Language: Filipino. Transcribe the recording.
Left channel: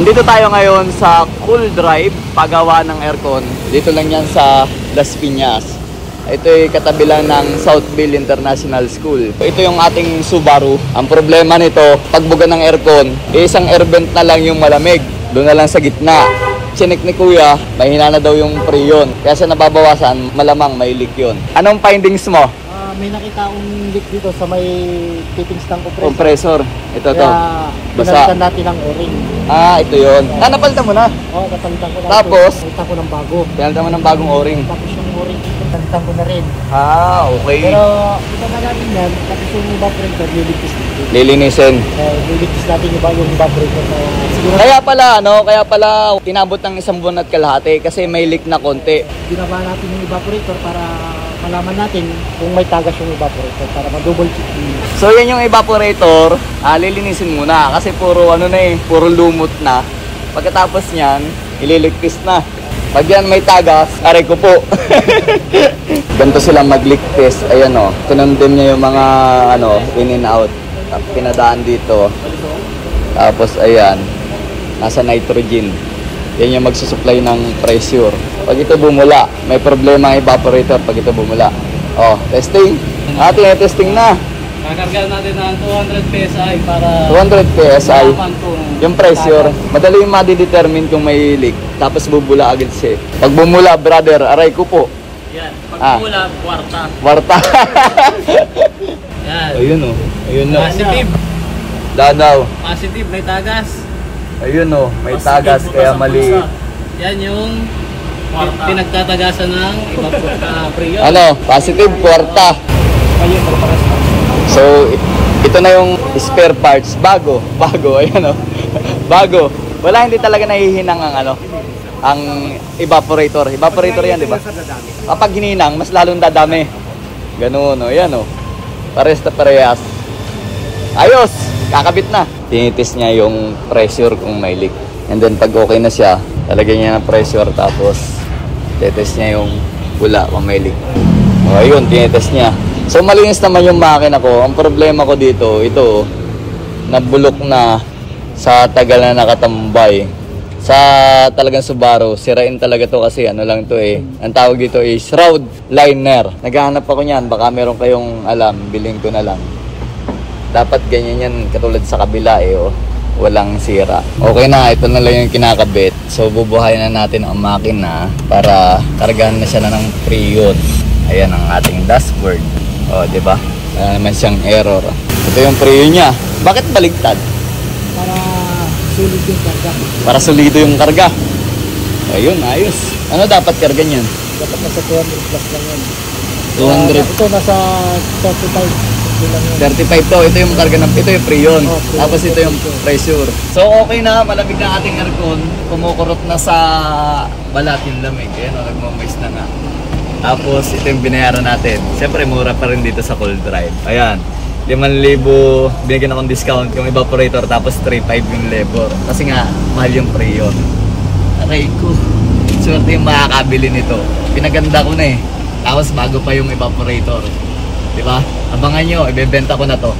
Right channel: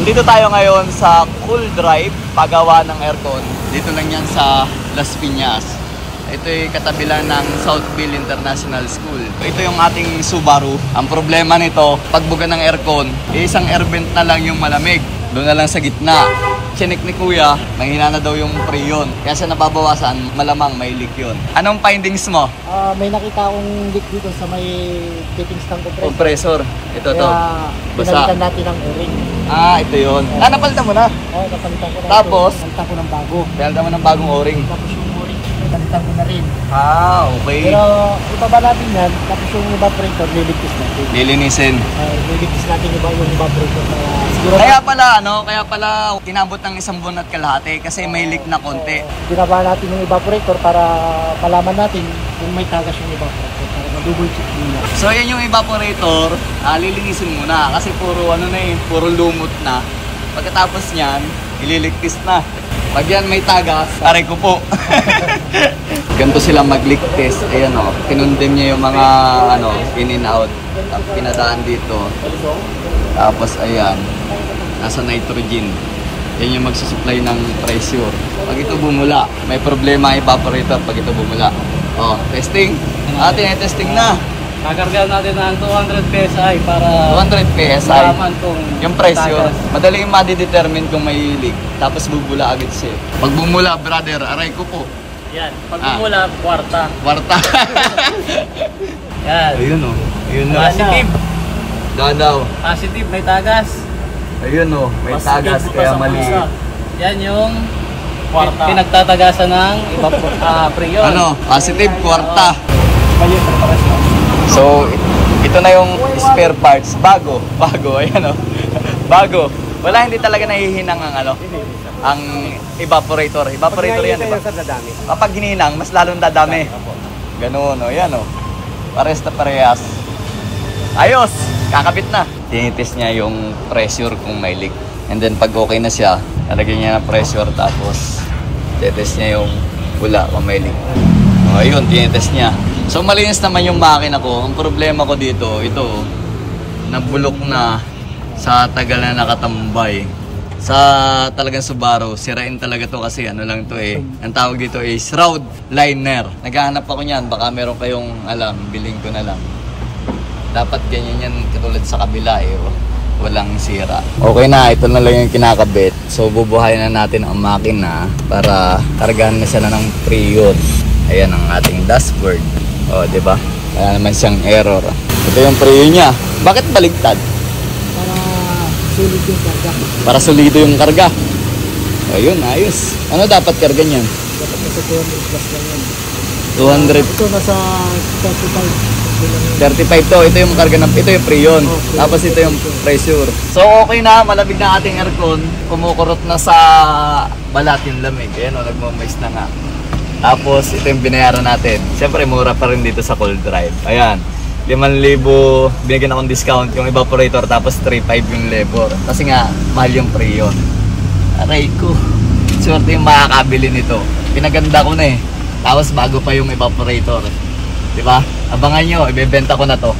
Andito tayo ngayon sa Cool Drive, paggawa ng aircon. Dito lang yan sa Las Piñas. Ito ay katabi lang ng Southville International School. Ito yung ating Subaru. Ang problema nito, pagbuga ng aircon, isang air vent na lang yung malamig. Doon na lang sa gitna. Chinek ni Kuya, mahina na daw yung freon. Kasi nababawasan, malamang may leak yun. Anong findings mo? May nakita akong leak dito sa may fittings ng compressor. Ito to. Basa. Pinalitan natin ang o-ring. Ito yun. Napalitan mo na? Oo, napalitan ko na. Tapos? Napalitan ko ng bago. Pinalitan mo ng bagong o-ring. Tapos yung o-ring, napalitan ko na rin. Okay. Pero ibaba natin yan, tapos yung evaporator, liligtas natin. Lilinisin. Liligtas natin yung evaporator na siguro. Kaya pala inabot ng 1 buwan at kalahati kasi may leak na konti. Binaba natin yung evaporator para malaman natin kung may tagas yung evaporator para ma-double check din. So yan yung evaporator, lilinisin muna kasi puro puro lumot na. Pagkatapos niyan, ililigtis na. Pag yan may tagas, aray ko po. Ganito silang mag-leak test. Ayan o, pinundin niya yung mga in and out. Pinadaan dito. Tapos ayan, nasa nitrogen. Yan yung magsusupply ng pressure. Pag ito bumula, may problema ang evaporator pag ito bumula. Testing. Testing na. Kakargahan natin ng 200 PSI para 200 PSI malaman kung yung pressure. Madali yung madidetermine kung may leak. Tapos bubula agad siya. Pag bumula, brother, aray ko po. yan. Pag bumula, kwarta. Kwarta. Yan. Ayun o. Ayun na. Positive. Danaw. Positive, may tagas. Ayun o. May tagas kaya mali. Yan yung kwarta. Pinagtatagasan ng freon. Positive, kwarta. So, ito na yung spare parts. Bago. Ayan o. Bago. Wala, hindi talaga nahihinang ang evaporator. Evaporator yan, diba? Kapag hininang, mas lalong dadami. Ganun, ayan o. Pares na parehas. Ayos! Kakabit na. Tinitis niya yung pressure kung may leak. And then pag okay na siya, talagay niya ng pressure tapos titest niya yung pula kung may leak. Ayun, tinitis niya. So malinis naman yung makina ko. Ang problema ko dito, ito, nabulok na sa tagal na nakatambay. Sa talagang Subaru, sirain talaga to kasi lang to ang tawag dito is shroud liner. Naghahanap ako niyan, baka meron kayong alam, bilhin ko na lang. Dapat ganyan yan katulad sa kabila walang sira. Okay na, ito na lang yung kinakabit. So bubuhayin na natin ang makina para kargahan na siya ng freon. Ayan ang ating dashboard. Di ba? Wala naman siyang error. Ito yung freon niya. Bakit baligtad? Solid yung karga. Para solido yung karga. Ayun, ayos. Ano dapat karga niyan? Dapat nasa 200 plus lang yan. 200. Ito nasa 35. 35 to. Ito yung karga ito yung freon. Tapos ito yung pressure. So okay na, malamig na ating aircon. Kumukurot na sa balat yung lamig. Ayan nagmamoist na nga. Tapos ito yung binayaran natin. Siyempre mura pa rin dito sa Cool Drive. Ayan. 5,000 binigyan akong discount yung evaporator tapos 3,500 yung labor kasi nga mahal yung freon. Aray ko, swerte yung makakabili nito. Pinaganda ko na tapos bago pa yung evaporator, di ba? Abangan nyo, ibebenta ko na to.